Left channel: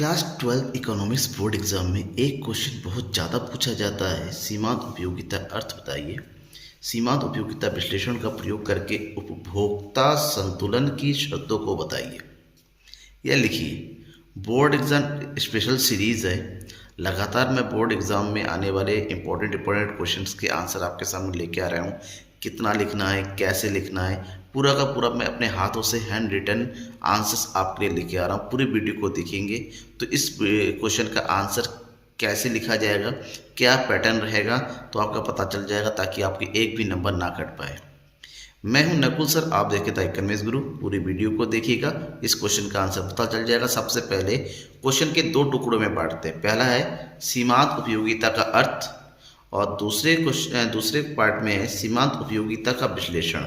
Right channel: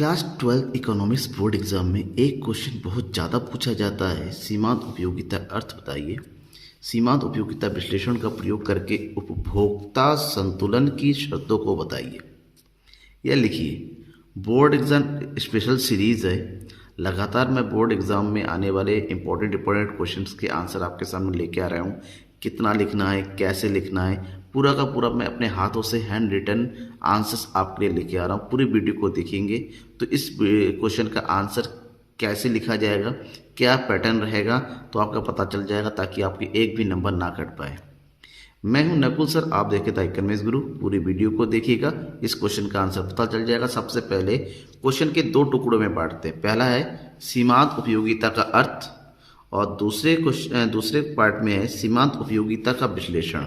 Class 12 economics board exam में एक question बहुत ज़्यादा पूछा जाता है। सीमांत उपयोगिता अर्थ बताइए। सीमांत उपयोगिता विश्लेषण का प्रयोग करके उपभोक्ता संतुलन की शर्तों को बताइए। यह लिखिए। बोर्ड एग्जाम स्पेशल सीरीज़ है। लगातार मैं बोर्ड एग्ज़ाम में आने वाले इंपॉर्टेंट क्वेश्चंस के आंसर आपके सामने लेके आ रहा हूँ। कितना लिखना है, कैसे लिखना है, पूरा का पूरा मैं अपने हाथों से हैंड रिटन आंसर्स आपके लिए लेके आ रहा हूँ। पूरी वीडियो को देखेंगे तो इस क्वेश्चन का आंसर कैसे लिखा जाएगा, क्या पैटर्न रहेगा, तो आपका पता चल जाएगा, ताकि आपके एक भी नंबर ना कट पाए। मैं हूं नकुल सर, आप देखे था इकोनॉमिक्स गुरु। पूरी वीडियो को देखिएगा, इस क्वेश्चन का आंसर पता चल जाएगा। सबसे पहले क्वेश्चन के दो टुकड़ों में बांटते हैं। पहला है सीमांत उपयोगिता का अर्थ और दूसरे पार्ट में है सीमांत उपयोगिता का विश्लेषण।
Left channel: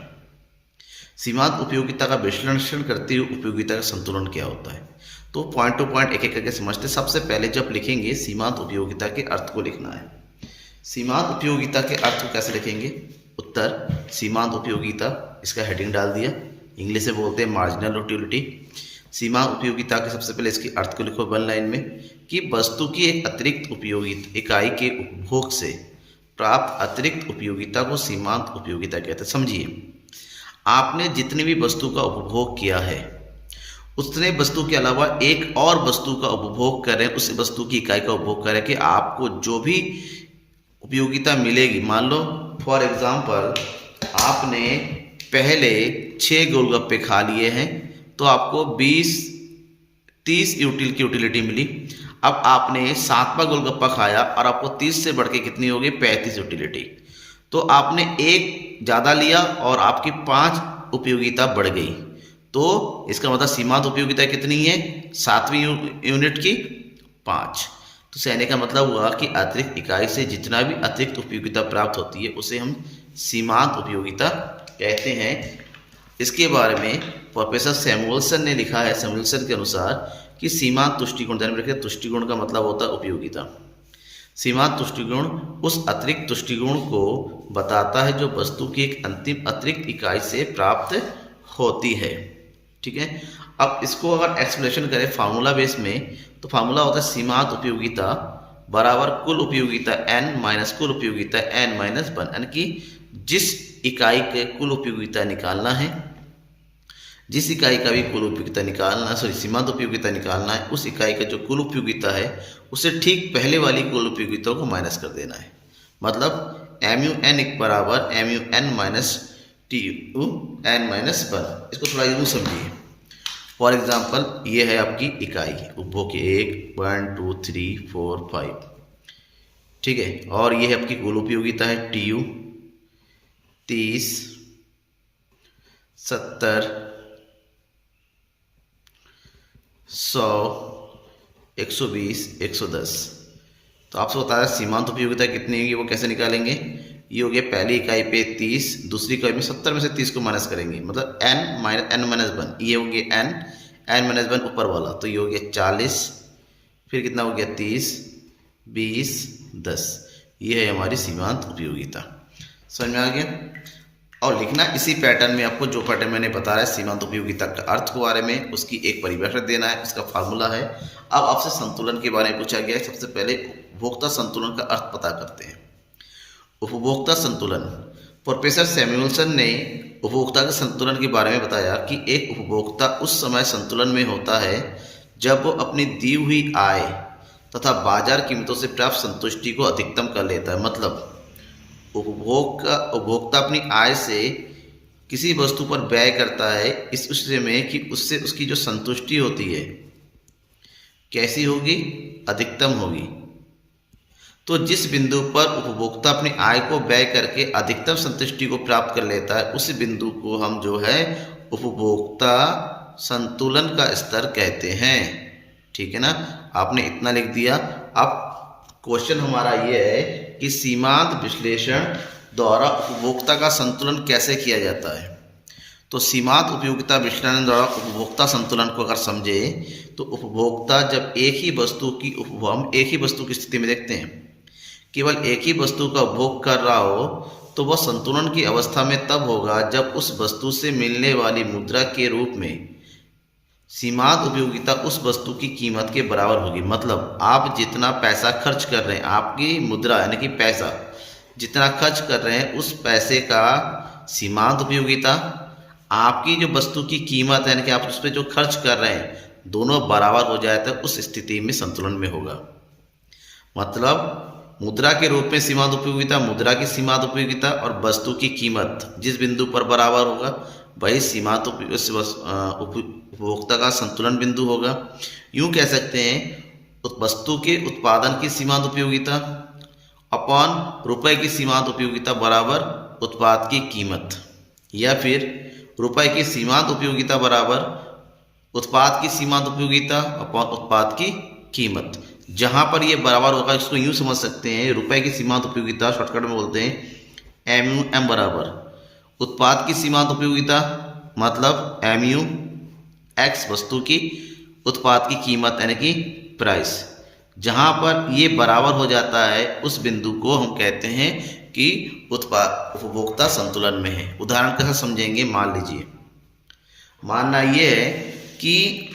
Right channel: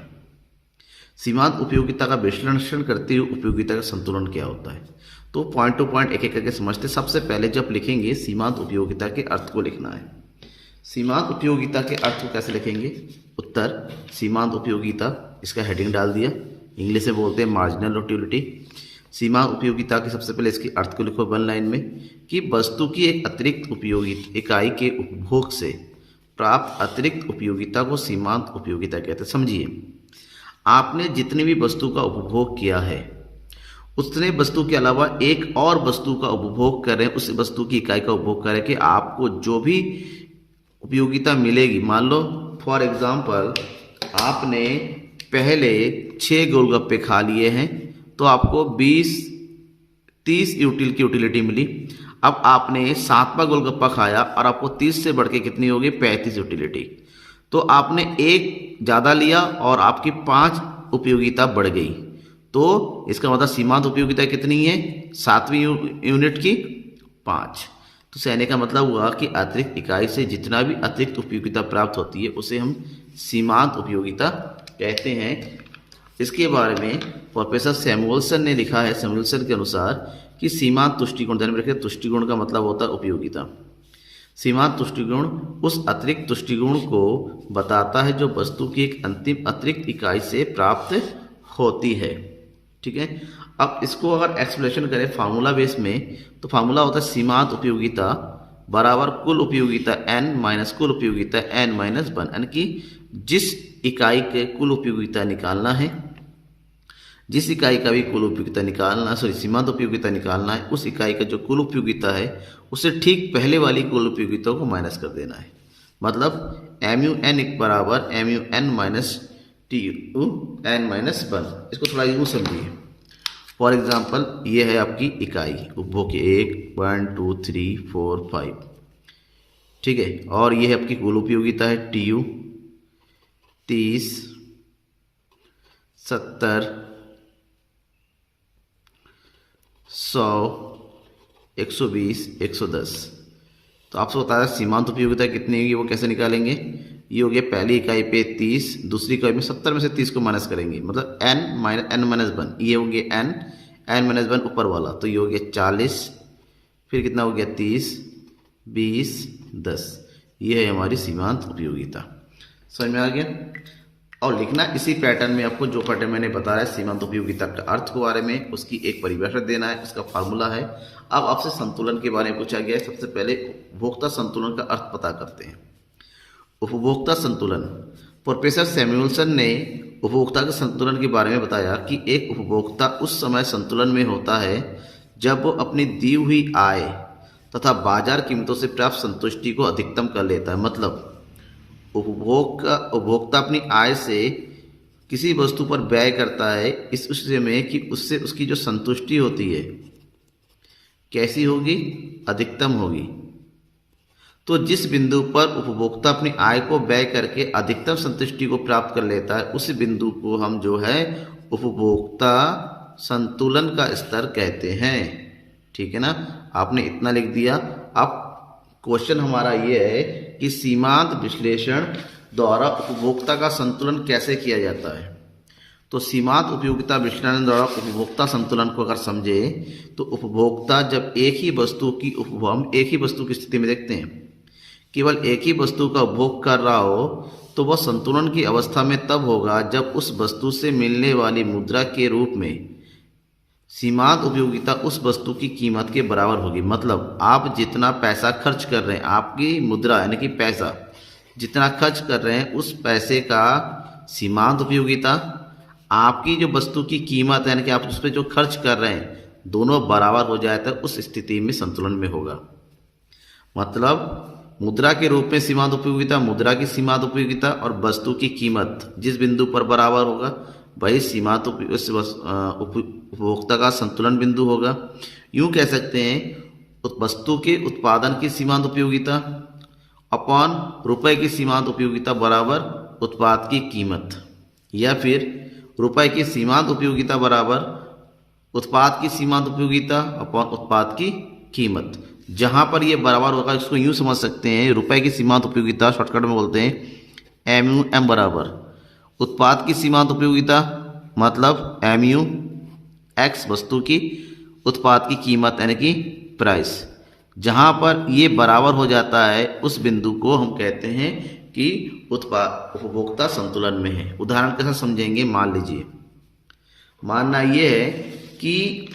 सीमांत उपयोगिता का विश्लेषण करते हुए उपयोगिता का संतुलन क्या होता है, तो पॉइंट टू पॉइंट एक एक करके समझते। सबसे पहले जब लिखेंगे सीमांत उपयोगिता के अर्थ को लिखना है। सीमांत उपयोगिता के अर्थ को कैसे लिखेंगे? उत्तर सीमांत उपयोगिता, इसका हेडिंग डाल दिया। इंग्लिश में बोलते हैं मार्जिनल यूटिलिटी। सीमांत उपयोगिता के सबसे पहले इसके अर्थ को लिखो वन लाइन में कि वस्तु की एक अतिरिक्त उपयोगिता इकाई के उपभोग से प्राप्त अतिरिक्त उपयोगिता को सीमांत उपयोगिता कहते हैं। समझिए, आपने जितनी भी वस्तु का उपभोग किया है उतने वस्तु के अलावा एक और वस्तु का उपभोग करें, उस वस्तु की इकाई का उपभोग करें कि आपको जो भी उपयोगिता मिलेगी। मान लो फॉर एग्जांपल आपने पहले 6 गोलगप्पे खा लिए हैं तो आपको 30 यूटिलिटी मिली। अब आपने 7वां गोलगप्पा खाया और आपको 30 से बढ़ के कितनी होगी? 35 यूटिलिटी। तो आपने एक ज़्यादा लिया और आपकी 5 उपयोगिता बढ़ गई। तो इसका मतलब सीमांत उपयोगिता कितनी है? 7वीं यूनिट की 5। तो कहने का मतलब हुआ कि अतिरिक्त इकाई से जितना भी अतिरिक्त उपयोगिता प्राप्त होती है उसे हम सीमांत उपयोगिता कहते हैं। इसके बारे में प्रोफेसर सैमुअल्सन ने लिखा है, सैमुअल्सन के अनुसार, कि सीमांत तुष्टिगुण, ध्यान में रखिए, तुष्टिगुण का मतलब होता है उपयोगिता। सीमांत तुष्टिगुण उस अतिरिक्त तुष्टिगुण को बताता है जो वस्तु की एक अंतिम अतिरिक्त इकाई से प्राप्त होती है। ठीक है। अब इसको अगर एक्सप्लेनेशन करें फार्मूला बेस में, तो फार्मूला होता है सीमांत उपयोगिता बराबर कुल उपयोगिता n माइनस कुल उपयोगिता n माइनस 1। यानी कि जिस इकाई के कुल उपयोगिता निकालना है, जिस इकाई का भी कुल उपयोगिता निकालना, सीमांत उपयोगिता निकालना है, उस इकाई का जो कुल उपयोगिता है उसे ठीक पहले वाली कुल उपयोगिता को माइनस कर देना है। मतलब MUN बराबर MUN माइनस TUN माइनस 1। इसको थोड़ा यूँ समझिए। फॉर एग्जाम्पल ये है आपकी इकाई उपभोग की 1 2 3 4 5। ठीक है। और ये है आपकी कुल उपयोगिता है TU 30 70 100 120 110। तो आपसे बता रहा है सीमांत उपयोगिता कितनी होगी, वो कैसे निकालेंगे? ये हो गया पहली इकाई पे 30, दूसरी इकाई में 70 में से 30 को माइनस करेंगे, मतलब n माइनस 1। ये हो गया n माइनस 1 ऊपर वाला, तो ये हो गया 40, फिर कितना हो गया 30 20 10। ये है हमारी सीमांत उपयोगिता। समझ में आ गया? और लिखना इसी पैटर्न में, आपको जो पैटर्न मैंने बताया है सीमांत उपयोगिता का अर्थ के बारे में, उसकी एक परिभाषा देना है, इसका फार्मूला है। अब आपसे संतुलन के बारे में पूछा गया है। सबसे पहले उपभोक्ता संतुलन का अर्थ पता करते हैं। उपभोक्ता संतुलन, प्रोफेसर सैमुअल्सन ने उपभोक्ता के संतुलन के बारे में बताया कि एक उपभोक्ता उस समय संतुलन में होता है जब वो अपनी दी हुई आय तथा बाजार कीमतों से प्राप्त संतुष्टि को अधिकतम कर लेता है। मतलब उपभोक्ता अपनी आय से किसी वस्तु पर व्यय करता है इस विषय में कि उससे उसकी जो संतुष्टि होती है कैसी होगी? अधिकतम होगी। तो जिस बिंदु पर उपभोक्ता अपनी आय को व्यय करके अधिकतम संतुष्टि को प्राप्त कर लेता है उस बिंदु को हम जो है उपभोक्ता संतुलन का स्तर कहते हैं। ठीक है ना? आपने इतना लिख दिया। अब क्वेश्चन हमारा ये है कि सीमांत विश्लेषण द्वारा उपभोक्ता का संतुलन कैसे किया जाता है। तो सीमांत उपयोगिता विश्लेषण द्वारा उपभोक्ता संतुलन को अगर समझे तो उपभोक्ता जब एक ही वस्तु की स्थिति में देखते हैं, केवल एक ही वस्तु का उपभोग कर रहा हो, तो वह संतुलन की अवस्था में तब होगा जब उस वस्तु से मिलने वाली मुद्रा के रूप में सीमांत उपयोगिता उस वस्तु की कीमत के बराबर होगी। मतलब आप जितना पैसा खर्च कर रहे हैं, आपकी मुद्रा यानी कि पैसा जितना खर्च कर रहे हैं, उस पैसे का सीमांत उपयोगिता, आपकी जो वस्तु की कीमत यानी कि आप उस पर जो खर्च कर रहे हैं, दोनों बराबर हो जाए तो उस स्थिति में संतुलन में होगा। मतलब मुद्रा के रूप में सीमांत उपयोगिता, मुद्रा की सीमांत उपयोगिता और वस्तु की कीमत जिस बिंदु पर बराबर होगा वही सीमांत उपभोक्ता का संतुलन बिंदु होगा। यूं कह सकते हैं वस्तु के उत्पादन की सीमांत उपयोगिता अपॉन रुपए की सीमांत उपयोगिता बराबर उत्पाद की कीमत, या फिर रुपए की सीमांत उपयोगिता बराबर उत्पाद की सीमांत उपयोगिता अपॉन उत्पाद की कीमत। जहां पर ये बराबर होगा इसको यूं समझ सकते हैं, रुपए की सीमांत उपयोगिता शॉर्टकट में बोलते हैं एम बराबर उत्पाद की सीमांत उपयोगिता, मतलब MU एक्स वस्तु की उत्पाद की कीमत यानी कि प्राइस। जहां पर ये बराबर हो जाता है उस बिंदु को हम कहते हैं कि उपभोक्ता संतुलन में है। उदाहरण के साथ समझेंगे। मान लीजिए, मानना ये है कि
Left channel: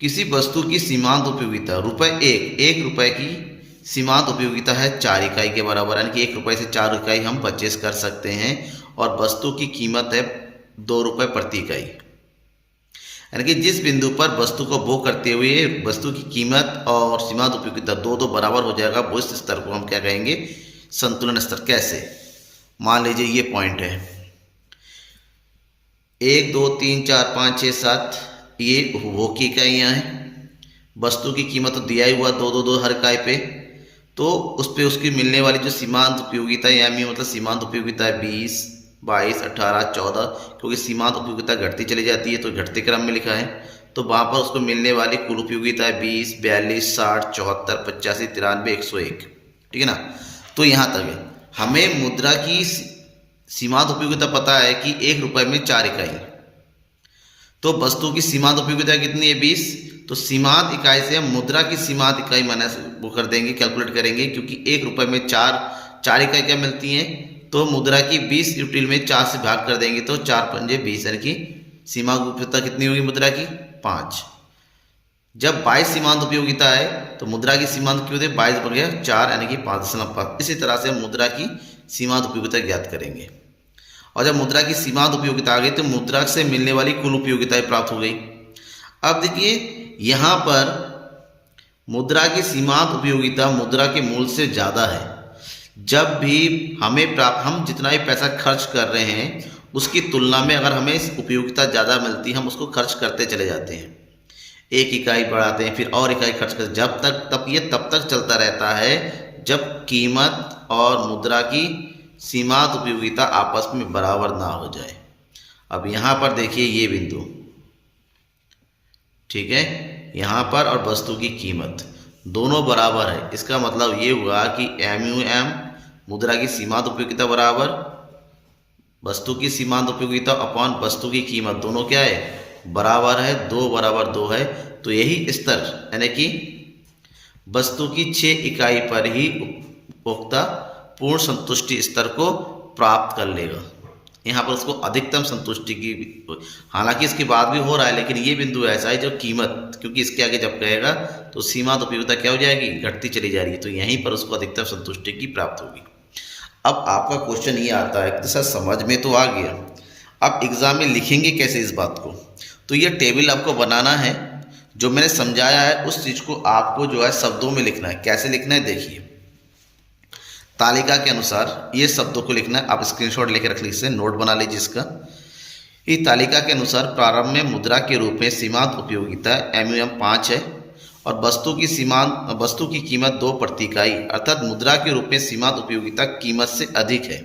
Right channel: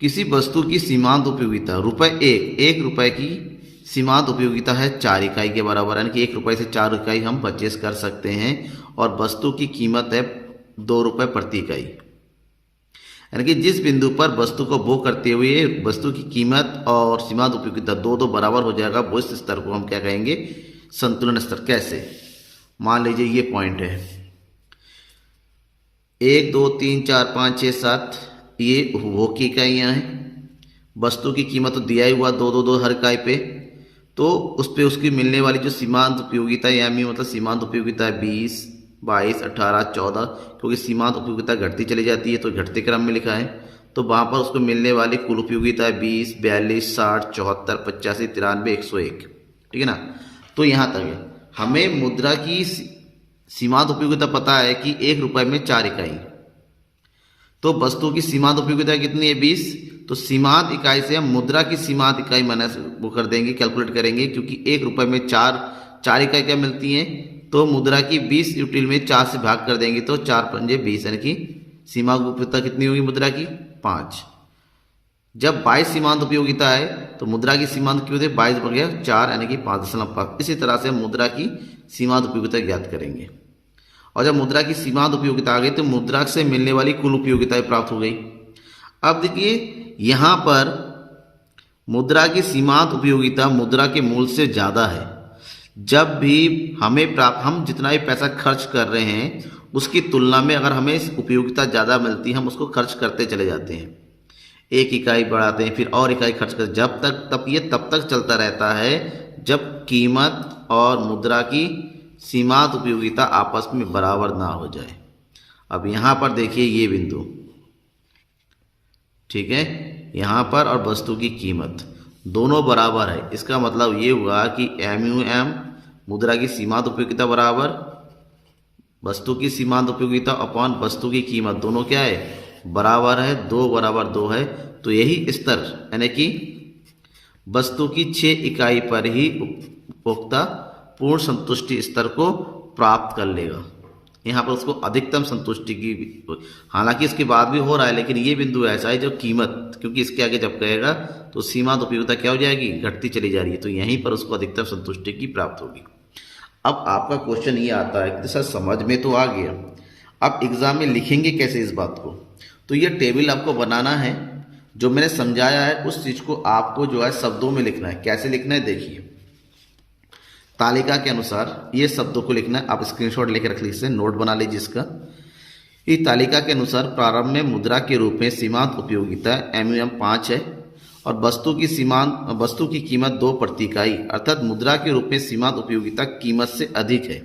किसी वस्तु की सीमांत उपयोगिता एक रुपए की सीमांत उपयोगिता है 4 इकाई के बराबर, यानी कि 1 रुपये से 4 इकाई हम परचेस कर सकते हैं, और वस्तु की कीमत है 2 रुपये प्रति इकाई। यानी कि जिस बिंदु पर वस्तु को भोग करते हुए वस्तु की कीमत और सीमांत उपयोगिता दो बराबर हो जाएगा, वो इस स्तर को हम क्या कहेंगे, संतुलन स्तर। कैसे? मान लीजिए ये पॉइंट है 1 2 3 4 5 6 7, ये उपभोग की इकाइयाँ हैं। वस्तु की कीमत तो दिया ही हुआ 2 हर इकाई पे, तो उस पर उसकी मिलने वाली जो सीमांत उपयोगिता यानी मतलब सीमांत उपयोगिता है 20 22 18 14, क्योंकि सीमांत उपयोगिता घटती चली जाती है तो घटते क्रम में लिखा है, तो वहाँ पर उसको मिलने वाली कुल उपयोगिता है 20 42 60 74 85 93 101। ठीक है ना। तो यहाँ तक है। हमें मुद्रा की सीमांत उपयोगिता पता है कि 1 रुपये में 4 इकाई, तो वस्तु की सीमांत उपयोगिता कितनी है 20, तो सीमांत इकाई से हम मुद्रा की सीमांत इकाई माइनस वो कर देंगे, कैलकुलेट करेंगे, क्योंकि 1 रुपये में 4 इकाई क्या मिलती हैं, तो मुद्रा की 20 यूटिल में 4 से भाग कर देंगे तो 4 पंजे 20, यानी कि सीमांत उपयोगिता कितनी होगी मुद्रा की 5। जब 22 सीमांत उपयोगिता है तो मुद्रा की सीमांत क्यों थे 22 बगे 4 यानी कि 5.5। इसी तरह से मुद्रा की सीमांत उपयोगिता ज्ञात करेंगे। और जब मुद्रा की सीमांत उपयोगिता आ गई तो मुद्रा से मिलने वाली कुल उपयोगिताएं प्राप्त हो गई। अब देखिए यहाँ पर मुद्रा की सीमांत उपयोगिता मुद्रा के मूल से ज़्यादा है। जब भी हम जितना भी पैसा खर्च कर रहे हैं उसकी तुलना में अगर हमें उपयोगिता ज़्यादा मिलती है हम उसको खर्च करते चले जाते हैं, 1 इकाई बढ़ाते हैं, फिर और इकाई खर्च करते, तब तक चलता रहता है जब कीमत और मुद्रा की सीमांत उपयोगिता आपस में बराबर ना हो जाए। अब यहाँ पर देखिए ये बिंदु, ठीक है, यहाँ पर और वस्तु की कीमत दोनों बराबर है। इसका मतलब ये हुआ कि MUM मुद्रा की सीमांत उपयोगिता बराबर वस्तु की सीमांत उपयोगिता अपॉन वस्तु की कीमत, दोनों क्या है बराबर है, 2 बराबर 2 है। तो यही स्तर यानी कि वस्तु की 6 इकाई पर ही उपभोक्ता पूर्ण संतुष्टि स्तर को प्राप्त कर लेगा। यहाँ पर उसको अधिकतम संतुष्टि की, हालांकि इसके बाद भी हो रहा है, लेकिन ये बिंदु ऐसा है जो कीमत, क्योंकि इसके आगे जब कहेगा तो सीमांत उपयोगिता क्या हो जाएगी, घटती चली जा रही है, तो यहीं पर उसको अधिकतम संतुष्टि की प्राप्त होगी। अब आपका क्वेश्चन ये आता है कि सर समझ में तो आ गया, अब एग्जाम में लिखेंगे कैसे इस बात को। तो ये टेबल आपको बनाना है, जो मैंने समझाया है उस चीज़ को आपको जो है शब्दों में लिखना है। कैसे लिखना है देखिए, तालिका के अनुसार ये शब्दों को लिखना है। आप स्क्रीनशॉट लेकर रख लीजिए, नोट बना लीजिए इसका। इस तालिका के अनुसार प्रारंभ में मुद्रा के रूप में सीमांत उपयोगिता MUM 5 है और वस्तु की कीमत 2 प्रति इकाई, अर्थात मुद्रा के रूप में सीमांत उपयोगिता कीमत से अधिक है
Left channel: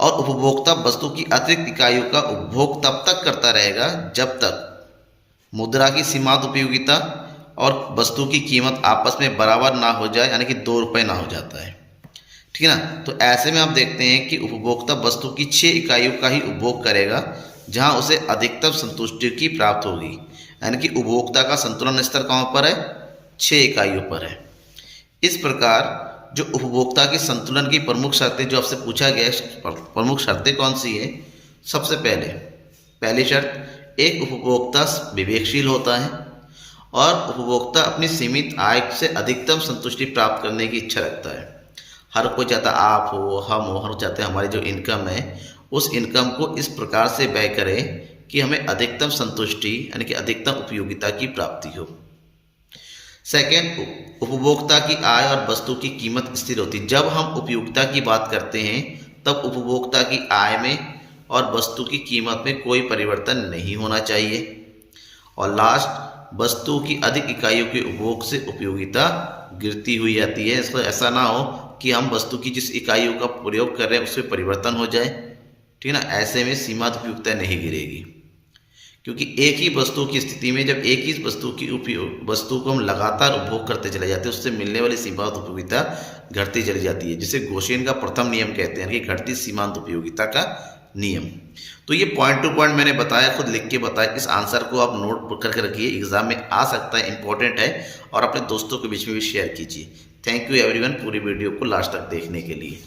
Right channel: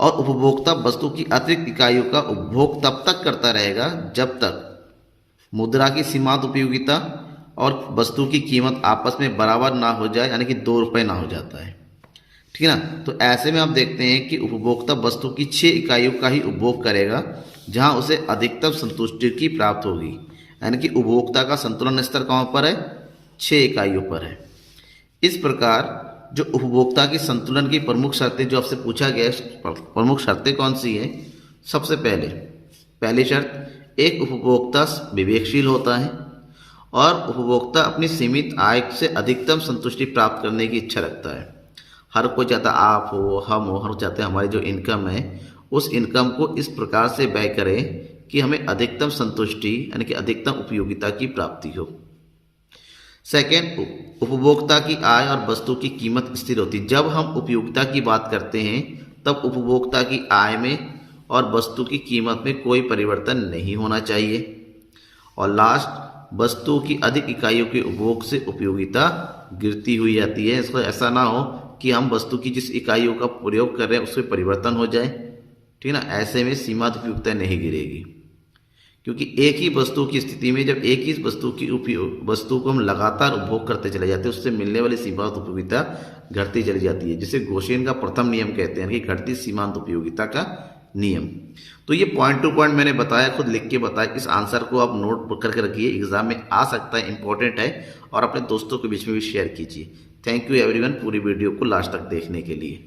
और उपभोक्ता वस्तु की अतिरिक्त इकाइयों का उपभोग तब तक करता रहेगा जब तक मुद्रा की सीमांत उपयोगिता और वस्तु की कीमत आपस में बराबर ना हो जाए, यानी कि 2 रुपये ना हो जाता है। ठीक है ना। तो ऐसे में आप देखते हैं कि उपभोक्ता वस्तु की 6 इकाइयों का ही उपभोग करेगा जहां उसे अधिकतम संतुष्टि की प्राप्त होगी, यानी कि उपभोक्ता का संतुलन स्तर कहाँ पर है, 6 इकाइयों पर है। इस प्रकार जो उपभोक्ता की संतुलन की प्रमुख शर्तें जो आपसे पूछा गया है, प्रमुख शर्तें कौन सी है, सबसे पहले पहली शर्त, एक उपभोक्ता विवेकशील होता है और उपभोक्ता अपनी सीमित आय से अधिकतम संतुष्टि प्राप्त करने की इच्छा रखता है। हर कोई चाहता, आप हो, हम हो, हर चाहते हैं हमारी जो इनकम है उस इनकम को इस प्रकार से व्यय करें कि हमें अधिकतम संतुष्टि यानी कि अधिकतम उपयोगिता की प्राप्ति हो। सेकेंड, उपभोक्ता की आय और वस्तु की कीमत स्थिर होती है। जब हम उपयोगिता की बात करते हैं तब उपभोक्ता की आय में और वस्तु की कीमत में कोई परिवर्तन नहीं होना चाहिए। और लास्ट, वस्तु की अधिक इकाइयों के उपभोग से उपयोगिता गिरती हुई आती है। इसको ऐसा ना हो कि हम वस्तु की जिस इकाइयों का प्रयोग कर रहे हैं उसमें परिवर्तन हो जाए, ठीक है ना। ऐसे में सीमांत उपयोगिता नहीं गिरेगी, क्योंकि एक ही वस्तु की स्थिति में जब एक ही वस्तु को हम लगातार उपभोग करते चले जाते हैं उससे मिलने वाली सीमांत उपयोगिता घटती चली जाती है, जिसे गोशेन का प्रथम नियम कहते हैं कि घटती सीमांत उपयोगिता का नियम। तो ये पॉइंट टू पॉइंट मैंने बताया, खुद लिख के बताया। इस आंसर को आप नोट करके रखिए, एग्जाम में आ सकता है, इंपॉर्टेंट है, और अपने दोस्तों के बीच में भी शेयर कीजिए। थैंक यू एवरीवन पूरी वीडियो को लास्ट तक देखने के लिए।